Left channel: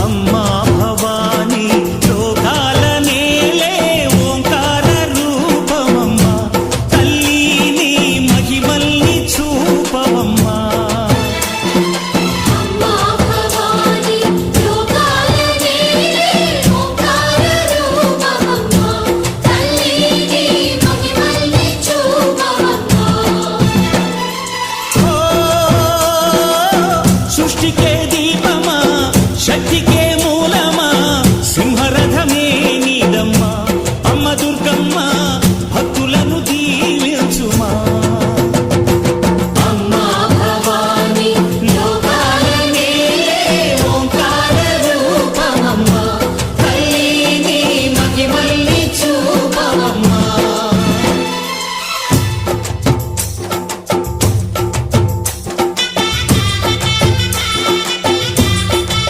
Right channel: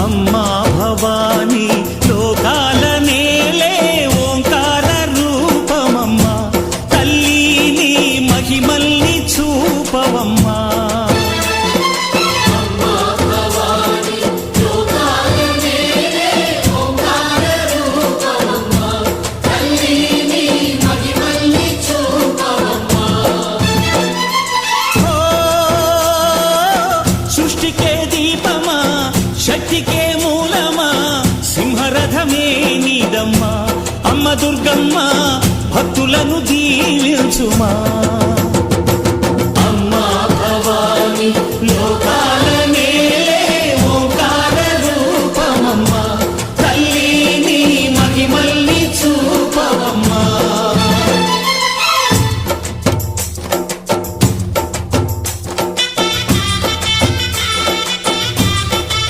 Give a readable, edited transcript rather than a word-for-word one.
అమ్మా భవానీ లోకాల నేలే ఓంకార రూపమమ్మా తల్లి నీ మహిమల్ని చూపవమ్మా సృష్టికే దీపమా శక్తికే మూలమా సింహరథమే నీదమ్మా అమ్మ దుర్గమ్మ భక్తులను దీవించుమా